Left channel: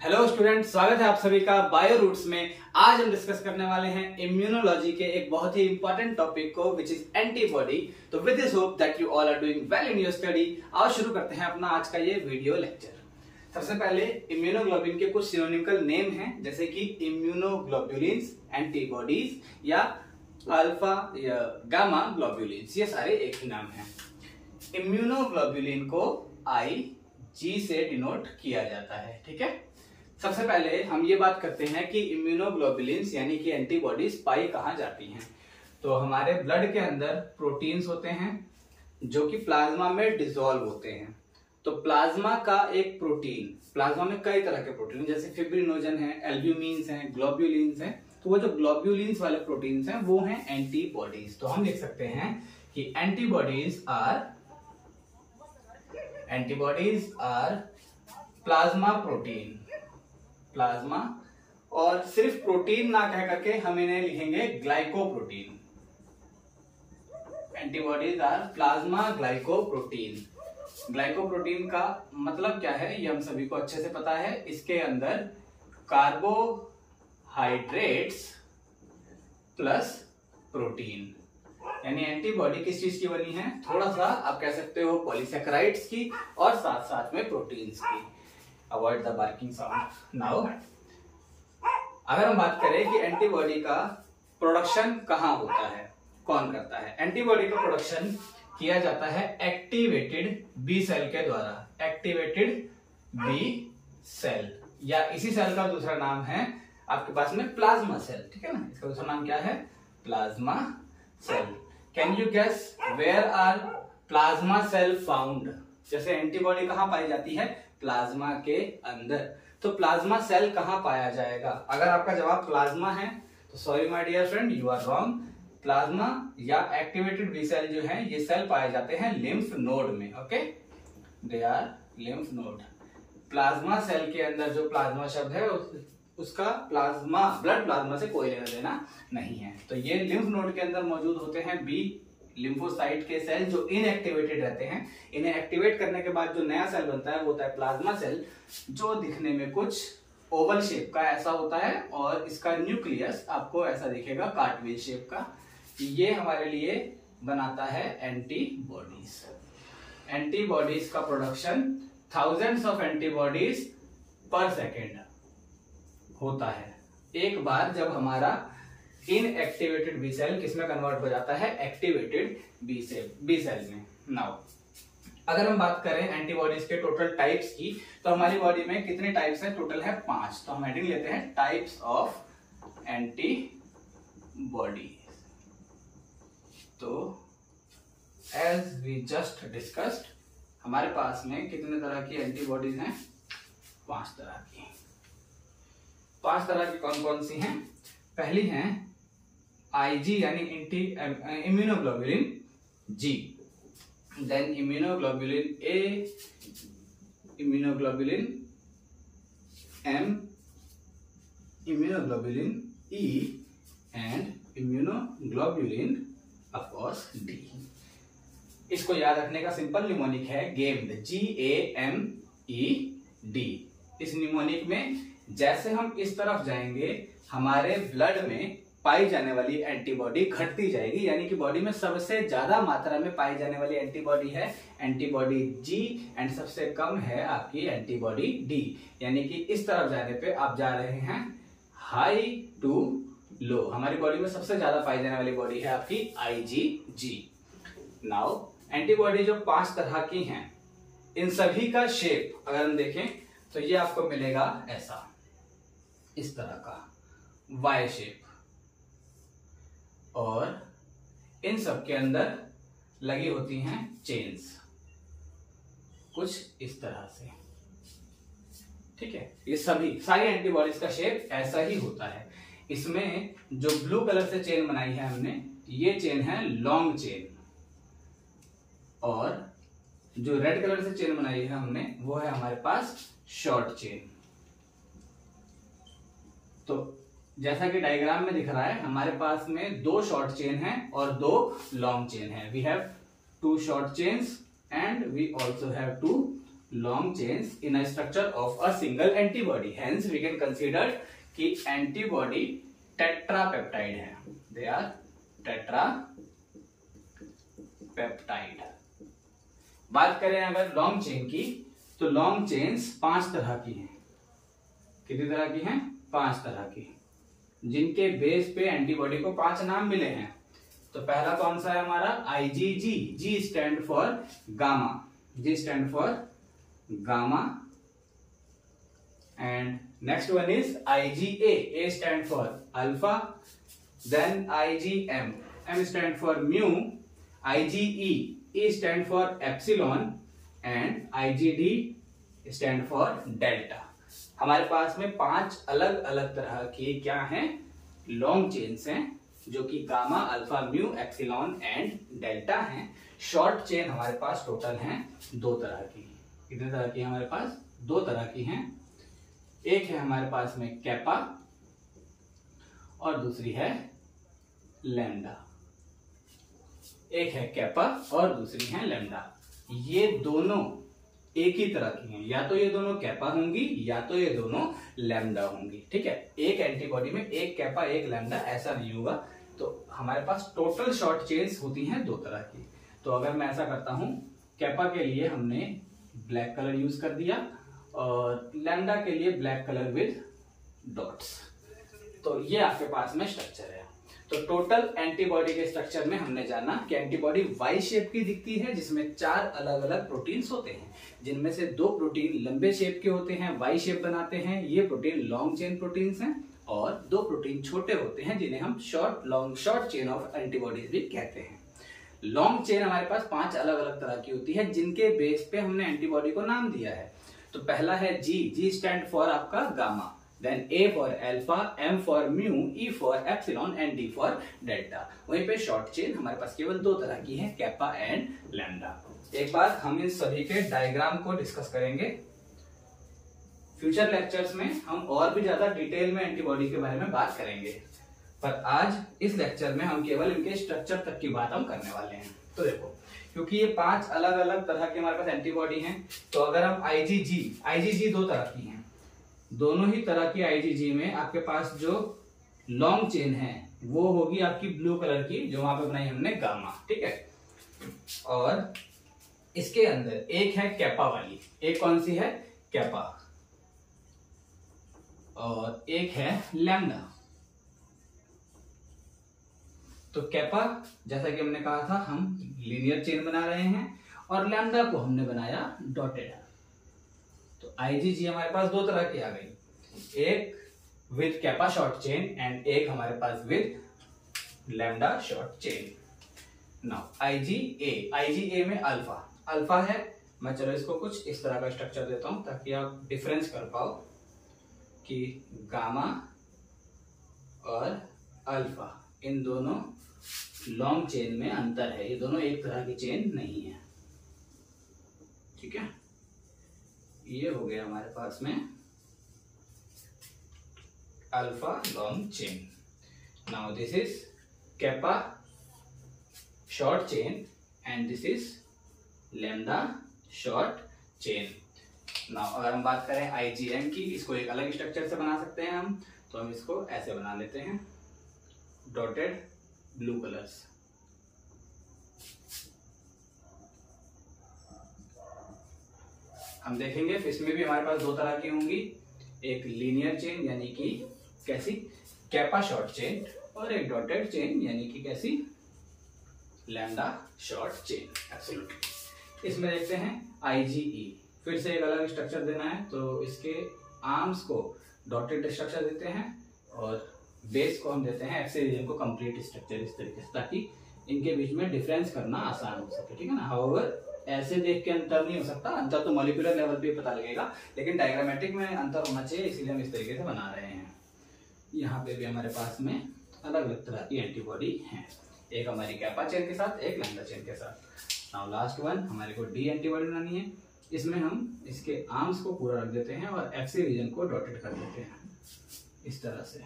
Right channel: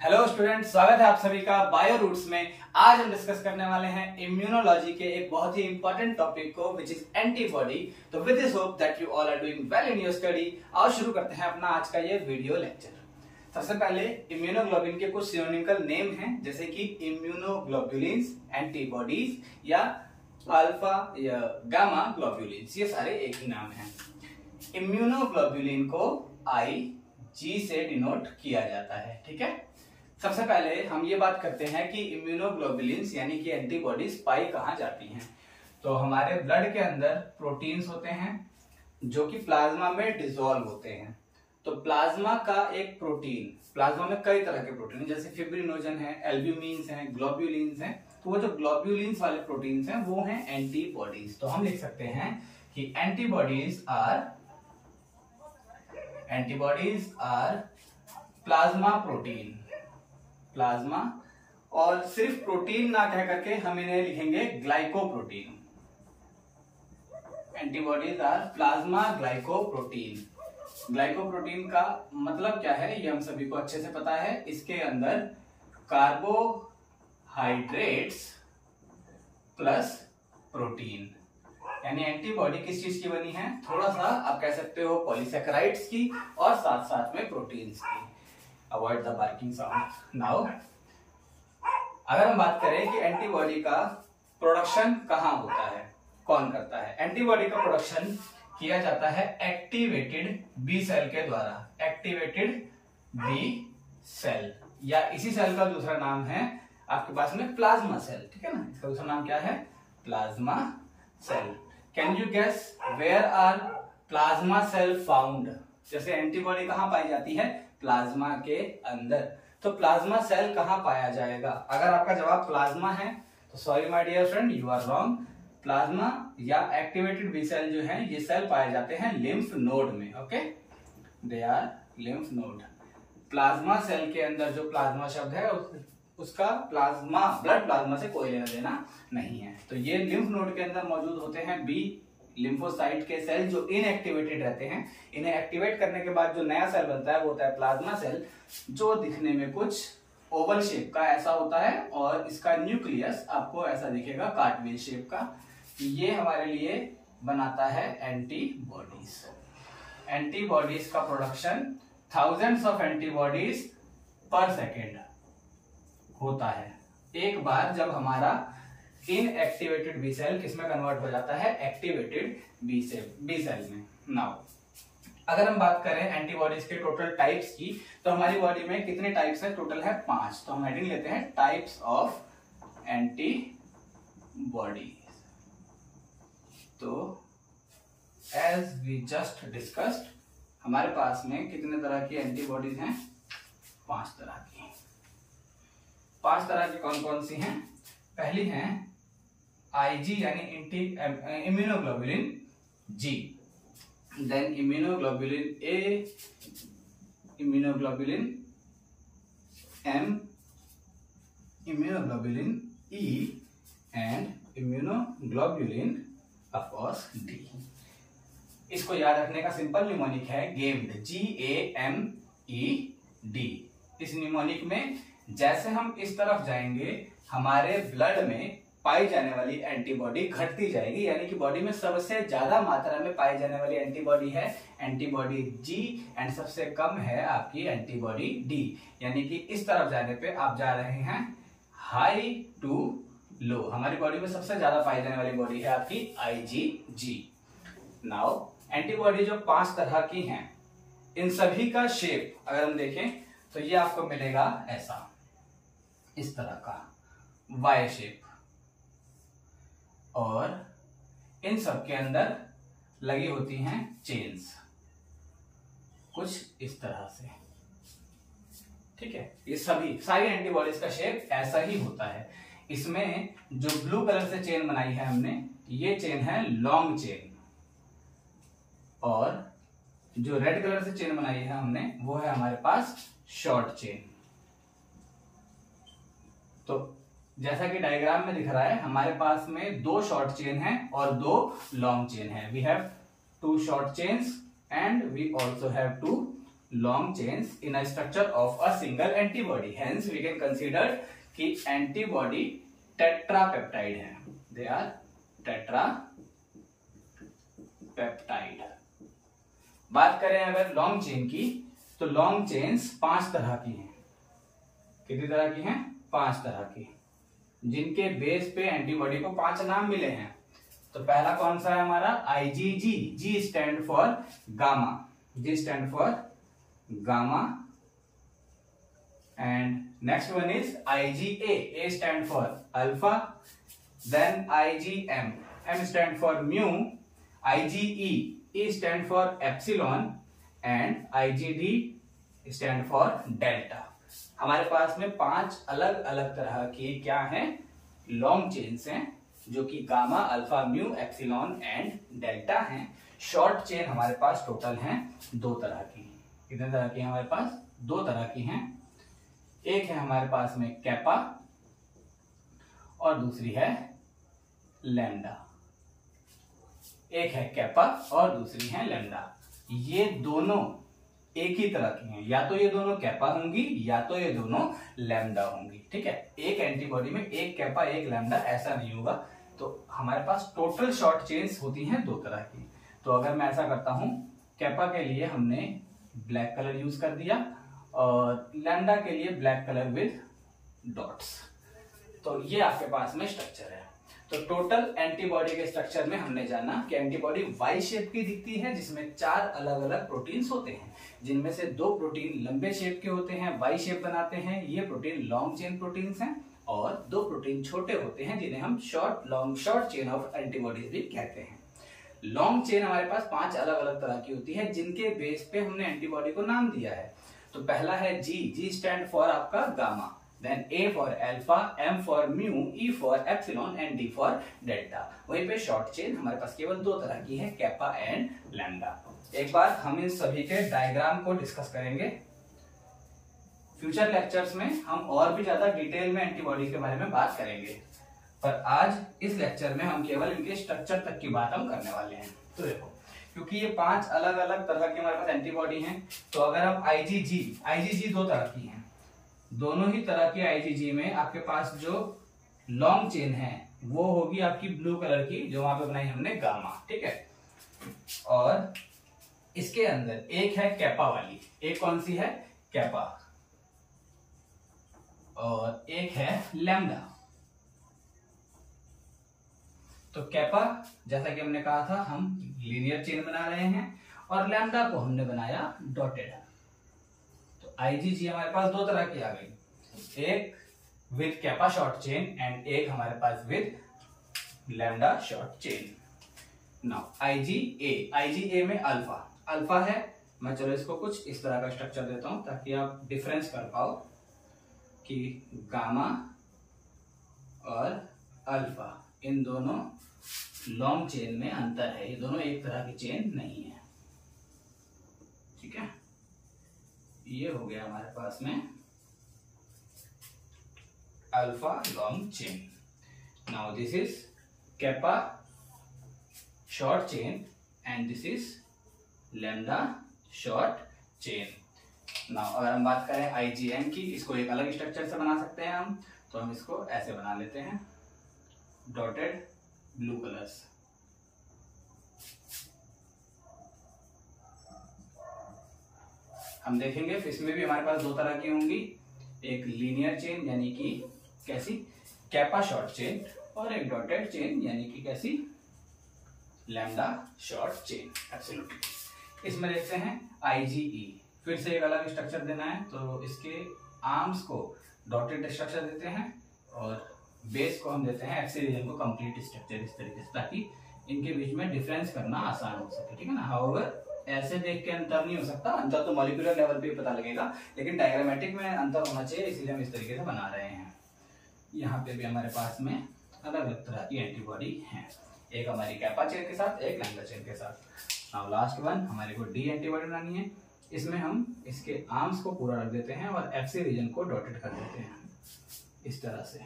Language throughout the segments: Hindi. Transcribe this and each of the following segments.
हेलो स्टूडेंट, स्वागत है आप सभी का बायो रूट्स में। आज हम डिस्कस करने वाले हैं इम्यूनोलॉजी के एक बहुत ही इंपॉर्टेंट टॉपिक को, विच इज एंटीबॉडी। तो with this hope that you all are doing well in your study. आओ शुरू करते हैं अपना आज का ये वीडियो लेक्चर। सबसे पहले इम्यूनोग्लोबिन के कुछ सिनोनिमल नेम हैं, जैसे कि इम्यूनोग्लोबुलिन्स, एंटीबॉडीज या अल्फा या गामा ग्लोबुलिन्स, ये सारे एक ही नाम है। इम्यूनोग्लोबुलिन को IG से डिनोट किया जाता है, ठीक है। सबसे पहले हम ये बात करते हैं कि इम्यूनोग्लोबुलिन्स यानी कि एंटीबॉडीज पाई कहाँ जाती हैं। तो हमारे ब्लड के अंदर प्रोटीन्स होते हैं जो कि प्लाज्मा में डिसॉल्व होते हैं। तो प्लाज्मा का एक प्रोटीन, प्लाज्मा में कई तरह के प्रोटीन जैसे फिब्रिनोजन है, एल्ब्यूमिन्स हैं, ग्लोब्यूलिन्स हैं। तो वो जो ग्लोब्यूलिन्स वाले प्रोटीन्स हैं वो हैं एंटीबॉडीज। तो हम लिख सकते हैं कि antibodies are plasma protein, plasma, और सिर्फ प्रोटीन ना कह करके हम इन्हें लिखेंगे glycoprotein. Antibodies are plasma glycoprotein. Glycoprotein का मतलब क्या है ये हम सभी को अच्छे से पता है। इसके अंदर कार्बोहाइड्रेट्स प्लस प्रोटीन, यानी एंटीबॉडी किस चीज की बनी है, थोड़ा सा आप कह सकते हो पॉलीसेकेराइड्स की और साथ साथ में प्रोटीन्स की। Avoid the barking sound. Now अगर हम बात करें कि एंटीबॉडी का प्रोडक्शन कहाँ होता है, कौन करता है। एंटीबॉडी का प्रोडक्शन किया जाता है एक्टिवेटेड बी सेल के द्वारा। एक्टिवेटेड बी सेल, या इसी सेल का दूसरा नाम है आपके पास में प्लाज्मा सेल, ठीक है ना। इसका दूसरा नाम क्या है, plasma cell. Can you guess where are plasma cell found. जैसे एंटीबॉडी कहाँ पाई जाती है, प्लाज्मा के अंदर। तो प्लाज्मा सेल कहाँ पाया जाएगा। अगर आपका जवाब प्लाज्मा है तो sorry my dear friend, you are wrong. Plasma या एक्टिवेटेड बी सेल जो है ये सेल पाए जाते हैं लिम्फ नोड में। Okay, they are lymph node. Plasma cell के अंदर जो प्लाज्मा शब्द है उसका प्लाज्मा, ब्लड प्लाज्मा से कोई लेना देना नहीं है। तो ये लिम्फ नोड के अंदर मौजूद होते हैं बी लिम्फोसाइट के सेल जो इनएक्टिवेटेड रहते हैं। इन्हें एक्टिवेट करने के बाद जो नया सेल बनता है वो होता है प्लाज्मा सेल, जो दिखने में कुछ ओवल शेप का ऐसा होता है और इसका न्यूक्लियस आपको ऐसा दिखेगा कार्टवेज शेप का। ये हमारे लिए बनाता है एंटीबॉडीज। एंटीबॉडीज का प्रोडक्शन थाउजेंड्स ऑफ एंटीबॉडीज पर सेकेंड होता है। एक बार जब हमारा इनएक्टिवेटेड बी सेल किसमें कन्वर्ट हो जाता है, एक्टिवेटेड बी सेल में। नाउ अगर हम बात करें एंटीबॉडीज के टोटल टाइप्स की, तो हमारी बॉडी में कितने टाइप्स है, टोटल है 5। तो हम हेडिंग लेते हैं टाइप्स ऑफ एंटीबॉडी। तो एज वी जस्ट डिस्कस्ड हमारे पास में कितने तरह की एंटीबॉडीज हैं, 5 तरह की। 5 तरह की कौन कौन सी हैं। पहली है IG यानी immunoglobulin G, then immunoglobulin A, immunoglobulin M, immunoglobulin E and immunoglobulin of course D। इसको याद रखने का सिंपल निमोनिक है गेम्ड, GAMED। इस निमोनिक में जैसे हम इस तरफ जाएंगे हमारे ब्लड में पाई जाने वाली एंटीबॉडी घटती जाएगी, यानी कि बॉडी में सबसे ज्यादा मात्रा में पाई जाने वाली एंटीबॉडी है एंटीबॉडी G एंड सबसे कम है आपकी एंटीबॉडी D। यानी कि इस तरफ जाने पे आप जा रहे हैं हाई टू लो। हमारी बॉडी में सबसे ज्यादा पाई जाने वाली बॉडी है आपकी IgG। नाउ एंटीबॉडी जो 5 तरह की हैं, इन सभी का शेप अगर हम देखें तो ये आपको मिलेगा ऐसा, इस तरह का Y शेप, और इन सब के अंदर लगी होती हैं चेन्स कुछ इस तरह से, ठीक है। ये सभी सारी एंटीबॉडीज का शेप ऐसा ही होता है। इसमें जो ब्लू कलर से चेन बनाई है हमने, ये चेन है लॉन्ग चेन, और जो रेड कलर से चेन बनाई है हमने वो है हमारे पास शॉर्ट चेन। तो जैसा कि डायग्राम में दिख रहा है हमारे पास में 2 शॉर्ट चेन है और 2 लॉन्ग चेन है। We have 2 short chains and we also have 2 long chains in a structure of a single antibody. Hence we can consider कि antibody tetrapeptide है. They are tetrapeptide. बात करें अगर लॉन्ग चेन की, तो लॉन्ग चेन्स 5 तरह की हैं. कितनी तरह की हैं? 5 तरह की, जिनके बेस पे एंटीबॉडी को 5 नाम मिले हैं. तो पहला कौन सा है हमारा? IgG. G stand for gamma. G stand for gamma. And next one is IgA. A stand for alpha. Then IgM. M stand for mu. IgE. E stand for epsilon. And IgD stand for delta. हमारे पास में 5 अलग अलग तरह के क्या हैं? लॉन्ग चेन्स हैं, जो कि gamma, alpha, mu, epsilon and delta हैं. शॉर्ट चेन हमारे पास टोटल हैं 2 तरह की. कितने तरह की हमारे पास? 2 तरह की हैं. एक है हमारे पास में कैपा और दूसरी है लैम्डा. एक है कैपा और दूसरी है लैम्डा. ये दोनों एक ही तरह की हैं. या तो ये दोनों कैपा होंगी या तो ये दोनों लैम्डा होंगी. ठीक है, एक एंटीबॉडी में एक कैपा एक लैम्डा ऐसा नहीं होगा. तो हमारे पास टोटल शॉर्ट चेन्स होती हैं 2 तरह की. तो अगर मैं ऐसा करता हूं, कैपा के लिए हमने ब्लैक कलर यूज कर दिया और लैम्डा के लिए ब्लैक कलर विद डॉट्स. तो ये आपके पास में स्ट्रक्चर है. तो टोटल एंटीबॉडी के स्ट्रक्चर में हमने जाना कि एंटीबॉडी वाई शेप की दिखती है, जिसमें 4 अलग अलग प्रोटीन्स होते हैं, जिनमें से 2 प्रोटीन लंबे शेप के होते हैं, वाई शेप बनाते हैं. ये प्रोटीन लॉन्ग चेन प्रोटीन्स हैं. और 2 प्रोटीन छोटे होते हैं, जिन्हें हम शॉर्ट चेन ऑफ एंटीबॉडीज भी कहते हैं. लॉन्ग चेन हमारे पास 5 अलग अलग तरह की होती है, जिनके बेस पे हमने एंटीबॉडी को नाम दिया है. तो पहला है जी स्टैंड फॉर आपका gamma. Then A for alpha, M for mu, E for epsilon and D for delta. वहीं पे शॉर्ट चेन हमारे पास केवल 2 तरह की है, कैपा एंड लैम्डा. एक बार हम इन सभी के डायग्राम को डिस्कस करेंगे. फ्यूचर लेक्चर्स में हम और भी ज्यादा डिटेल में एंटीबॉडी के बारे में बात करेंगे, पर आज इस लेक्चर में हम केवल इनके स्ट्रक्चर तक की बात हम करने वाले हैं. तो देखो, क्योंकि ये 5 अलग अलग तरह के हमारे पास एंटीबॉडी हैं, तो अगर हम IgG 2 तरह की हैं. दोनों ही तरह की IgG में आपके पास जो लॉन्ग चेन है वो होगी आपकी ब्लू कलर की, जो वहां पे बनाई हमने गामा. ठीक है, और इसके अंदर एक है कैपा वाली. एक कौन सी है? कैपा. और एक है लैम्डा. तो कैपा, जैसा कि हमने कहा था, हम लीनियर चेन बना रहे हैं और लैम्डा को हमने बनाया डॉटेड. IgG हमारे पास 2 तरह की आ गई. एक with kappa short chain and एक हमारे पास with lambda short chain. Now IgA में अल्फा है. मैं चलो इसको कुछ इस तरह का स्ट्रक्चर देता हूं ताकि आप डिफरेंस कर पाओ कि गामा और अल्फा, इन दोनों लॉन्ग चेन में अंतर है. ये दोनों एक तरह की चेन नहीं है. ठीक है, ये हो गया हमारे पास में alpha long chain. Now this is kappa short chain and this is lambda short chain. Now अगर हम बात करें IgM की, इसको एक अलग स्ट्रक्चर से बना सकते हैं हम. तो हम इसको ऐसे बना लेते हैं, डॉटेड ब्लू कलर्स. हम देखेंगे इसमें भी हमारे पास 2 तरह की होंगी. एक लीनियर चेन यानी कि कैसी? Kappa short chain. और एक डॉटेड चेन यानी कि कैसी? Lambda short chain. एब्सोल्युटली. इसमें देखते हैं IgE. फिर से एक अलग स्ट्रक्चर देना है, तो इसके आर्म्स को डॉटेड स्ट्रक्चर देते हैं और बेस को हम देते हैं एक्सिस को कंप्लीट स्ट्रक्चर, इस तरीके से, ताकि इनके बीच में डिफरेंस करना आसान हो सके. ठीक है ना. हाउएवर ऐसे देख के अंतर नहीं हो सकता. अंतर तो मॉलिक्यूलर लेवल पे पता लगेगा, लेकिन डायग्रामेटिक में अंतर होना चाहिए, इसीलिए हम इस तरीके से बना रहे हैं. यहाँ पे भी हमारे पास में अलग अलग तरह की एंटीबॉडी हैं. एक हमारी कैपा चेन के साथ, एक लैम्डा चेन के साथ. नाउ लास्ट वन, हमारे को डी एंटीबॉडी बनानी है. इसमें हम इसके आर्म्स को पूरा रख देते हैं और एक्सिस रीजन को डॉटेड कर देते हैं इस तरह से.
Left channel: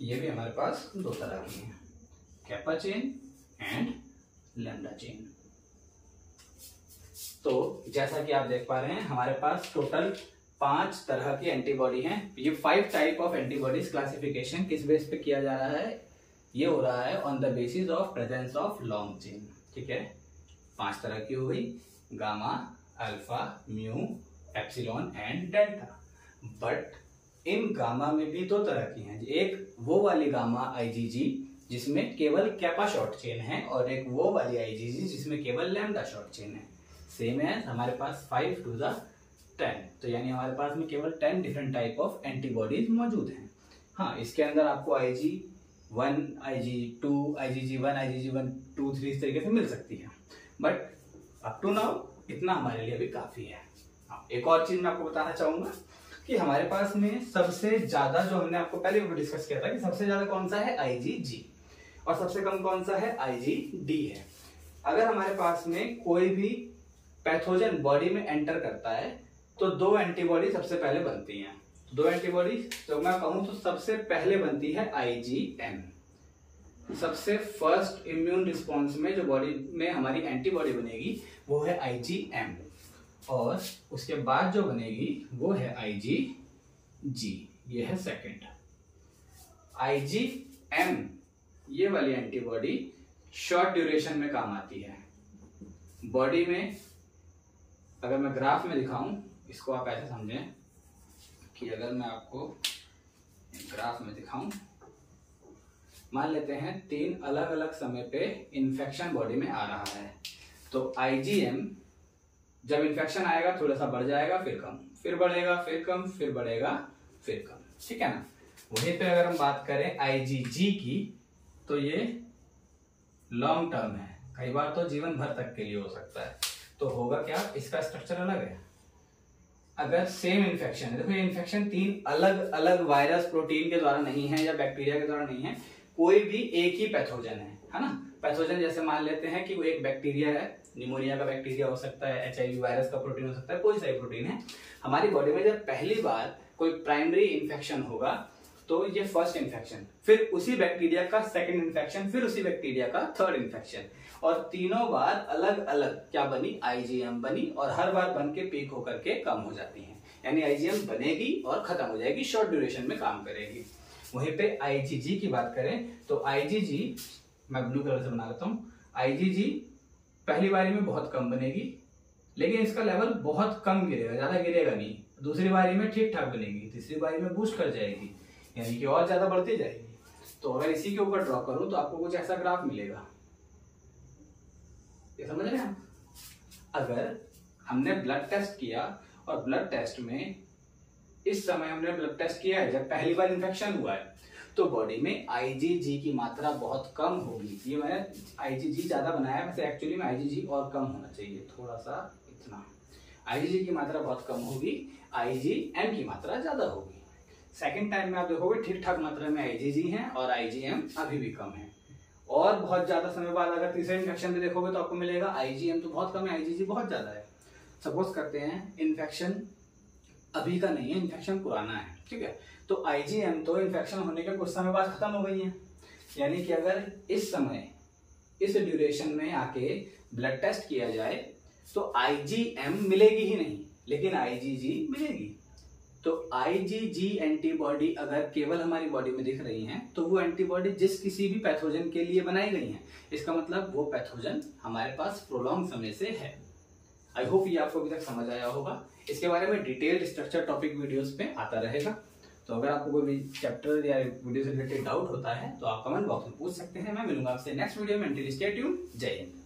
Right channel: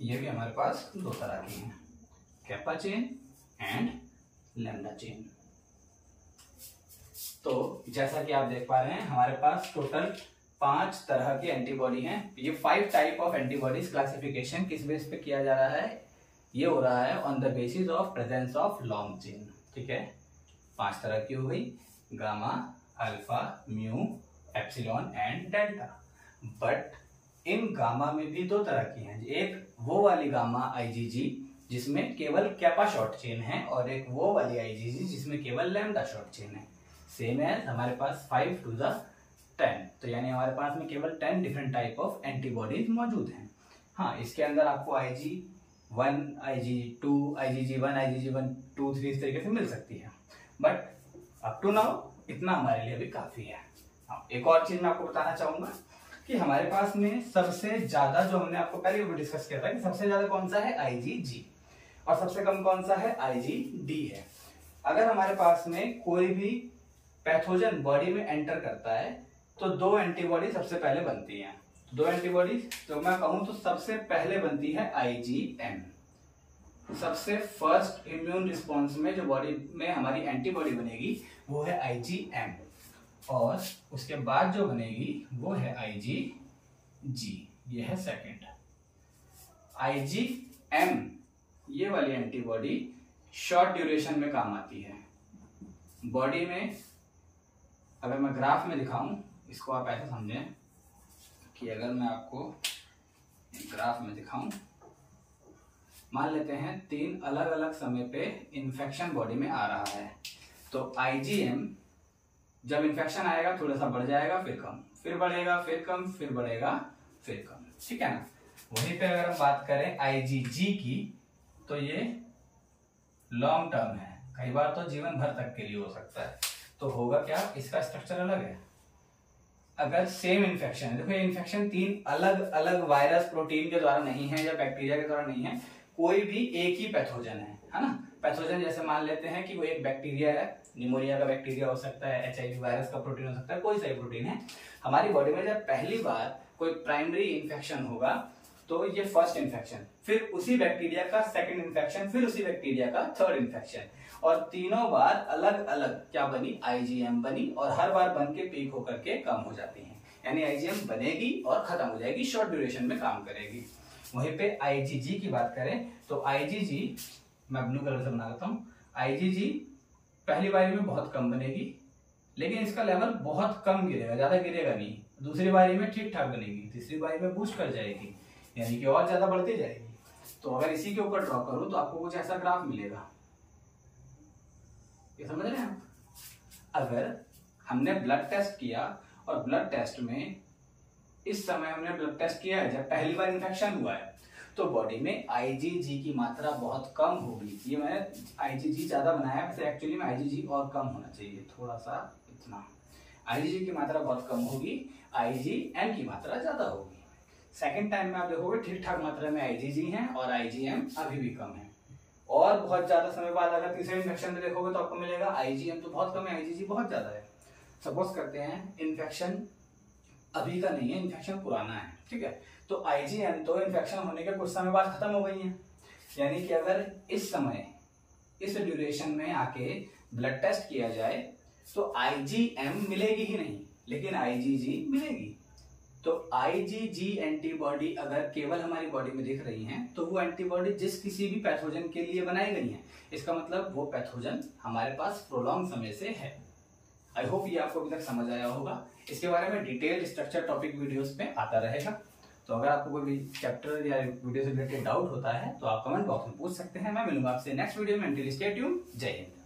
ये भी हमारे पास 2 तरह की हैं, kappa chain and lambda chain. तो जैसा कि आप देख पा रहे हैं हमारे पास टोटल 5 तरह की एंटीबॉडी हैं। ये 5 टाइप ऑफ एंटीबॉडीज क्लासिफिकेशन किस बेस पे किया जा रहा है, ये हो रहा है on the basis of presence of long chain. ठीक है, 5 तरह की हो गई, gamma, alpha, mu, epsilon and delta. But in gamma में भी 2 तरह की हैं, एक वो वाली गामा आईजीजी जिसमें केवल कैपा शॉर्ट चेन है और एक वो वाली आईजीजी जिसमें केवल लैम्डा शॉर्ट चेन है। सेम है हमारे पास 5 to the 10, तो यानी हमारे पास में केवल 10 डिफरेंट टाइप ऑफ एंटीबॉडीज मौजूद हैं। हाँ, इसके अंदर आपको IG1, IG2, IgG1, IgG1, 2, 3 इस तरीके से मिल सकती है, बट अप टू नाउ इतना हमारे लिए भी काफी है। हाँ, एक और चीज मैं आपको बताना चाहूंगा कि हमारे पास में सबसे ज्यादा, जो हमने आपको पहले भी डिस्कस किया था कि सबसे ज्यादा कौन सा है IgG और सबसे कम कौन सा है IgD है। अगर हमारे पास में कोई भी पैथोजन बॉडी में एंटर करता है तो 2 एंटीबॉडी सबसे पहले बनती हैं। 2 एंटीबॉडी तो मैं कहूं तो सबसे पहले बनती है IgM। सबसे फर्स्ट इम्यून रिस्पॉन्स में जो बॉडी में हमारी एंटीबॉडी बनेगी वो है IgM, और उसके बाद जो बनेगी वो है IgG, ये है सेकंड। IgM ये वाली एंटीबॉडी शॉर्ट ड्यूरेशन में काम आती है बॉडी में। अगर मैं ग्राफ में दिखाऊं, इसको आप ऐसे समझें कि अगर मैं आपको ग्राफ में दिखाऊं, मान लेते हैं 3 अलग अलग समय पे इन्फेक्शन बॉडी में आ रहा है, तो IgM जब इन्फेक्शन आएगा थोड़ा सा बढ़ जाएगा, फिर कम, फिर बढ़ेगा, फिर कम, फिर बढ़ेगा, फिर कम। ठीक है ना। वहीं पे अगर हम बात करें IgG की, तो ये लॉन्ग टर्म है, कई बार तो जीवन भर तक के लिए हो सकता है। तो होगा क्या, इसका स्ट्रक्चर अलग है। अगर सेम इन्फेक्शन है, देखो ये इन्फेक्शन 3 अलग अलग वायरस प्रोटीन के द्वारा नहीं है या बैक्टीरिया के द्वारा नहीं है, कोई भी एक ही पैथोजन है ना। पैथोजन जैसे मान लेते हैं कि वो एक बैक्टीरिया है, निमोनिया का बैक्टीरिया हो सकता है, HIV वायरस का प्रोटीन हो सकता है, कोई सा भी प्रोटीन है। हमारी बॉडी में जब पहली बार कोई प्राइमरी इन्फेक्शन होगा तो ये फर्स्ट इन्फेक्शन, फिर उसी बैक्टीरिया का सेकंड इन्फेक्शन, फिर उसी बैक्टीरिया का थर्ड इन्फेक्शन, और तीनों बार अलग अलग क्या बनी, IgM बनी, और हर बार बन के पीक होकर के कम हो जाती है। यानी IgM बनेगी और खत्म हो जाएगी, शॉर्ट ड्यूरेशन में काम करेगी। वहीं पे IgG की बात करें तो IgG मैं ब्लू कलर से बना लेता हूँ। IgG पहली बारी में बहुत कम बनेगी, लेकिन इसका लेवल बहुत कम गिरेगा, ज्यादा गिरेगा नहीं। दूसरी बारी में ठीक ठाक बनेगी, तीसरी बारी में बूस्ट कर जाएगी, यानी कि और ज्यादा बढ़ती जाएगी। तो अगर इसी के ऊपर ड्रॉ करूं तो आपको कुछ ऐसा ग्राफ मिलेगा, ये समझ रहे हैं। अगर हमने ब्लड टेस्ट किया और ब्लड टेस्ट में इस समय हमने ब्लड टेस्ट किया है जब पहली बार इन्फेक्शन हुआ है, तो बॉडी में IgG की मात्रा बहुत कम होगी। ये मैंने IgG ज्यादा बनाया, वैसे एक्चुअली में IgG और कम होना चाहिए, थोड़ा सा इतना। IgG की मात्रा बहुत कम होगी, IgM की मात्रा ज्यादा होगी। सेकेंड टाइम में आप देखोगे ठीक ठाक मात्रा में IgG है और IgM अभी भी कम है। और बहुत ज्यादा समय बाद अगर तीसरे इन्फेक्शन में देखोगे तो आपको मिलेगा IgM तो बहुत कम है, IgG बहुत ज्यादा है। सपोज करते हैं इन्फेक्शन अभी का नहीं है, इन्फेक्शन पुराना है, ठीक है, तो IgM तो इन्फेक्शन होने के कुछ समय बाद खत्म हो गई है। यानी कि अगर इस समय इस ड्यूरेशन में आके ब्लड टेस्ट किया जाए तो IgM मिलेगी ही नहीं, लेकिन IgG मिलेगी। तो IgG एंटीबॉडी अगर केवल हमारी बॉडी में दिख रही हैं तो वो एंटीबॉडी जिस किसी भी पैथोजन के लिए बनाई गई हैं, इसका मतलब वो पैथोजन हमारे पास प्रोलॉन्ग समय से है। आई होप ये आपको अभी तक समझ आया होगा। इसके बारे में डिटेल्ड स्ट्रक्चर टॉपिक वीडियोस पे आता रहेगा। तो अगर आपको कोई भी चैप्टर या वीडियो से रिलेटेड डाउट होता है तो आप कमेंट बॉक्स में पूछ सकते हैं। मैं मिलूंगा आपसे नेक्स्ट वीडियो में। Until stay tuned. जय हिंद।